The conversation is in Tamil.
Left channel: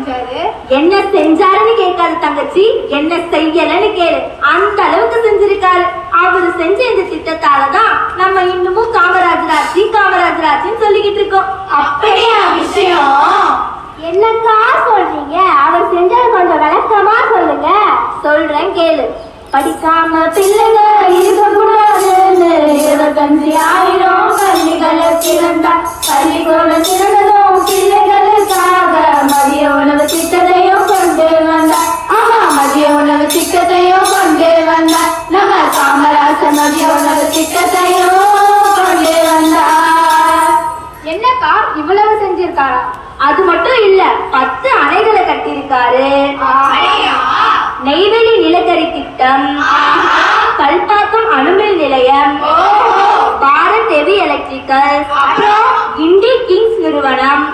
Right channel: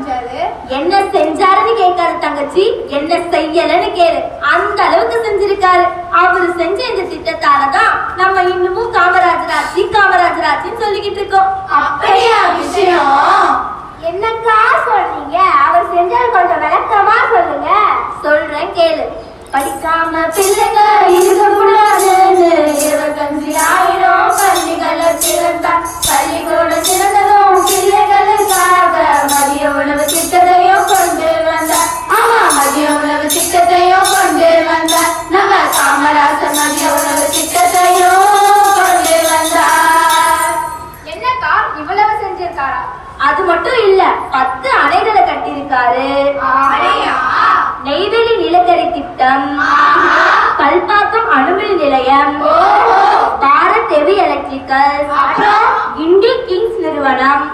செஞ்சாரு? என்ன செஞ்சாருன்னு கேட்காது தங்கச்சி. என்ன செய்யலன்னு கேளு. அந்த அளவுக்கு செஞ்சிருக்காரு. அவரு செஞ்ச இந்த திட்டத்தாலதான் நம்ம இன்னமும் காமராஜர் ஆட்சி காமராஜர் ஆட்சின்னு சொல்லிக்கிட்டு இருக்கோம். அப்படியா விஷயம்? என்னக்கா சொல்றீங்க? அவர் செஞ்சது கொஞ்சம் விளக்கமா சொல்லுங்க. சொல்றேன் கேளு. படிக்காம பிள்ளைங்க இருக்கக்கூடாதுன்னு இருபத்தஞ்சு ஆயிரம் பள்ளிகளை திறந்தா பள்ளிக்கூட சிறந்த மதிய உணவு திட்டத்தையும் கொண்டு வந்தா ஆமா மதிய உணவு திட்டத்தையும் கொண்டு வந்தா நம்ம காமராசர் மதிய உணவு திட்டத்தையும் கொண்டு வந்தார். என்னக்கா இவ்வளவு செஞ்சிருக்காரா? அது மட்டும் இல்ல பத்து அணைகளை கட்டியிருக்காரு? நெய்வேலி நிலக்கரி திட்டம். கல்பாக்கம் அணுமின் நிலையம். Bharat heavy electrical? இண்டி கிங்ஸ் நிறுவனம்.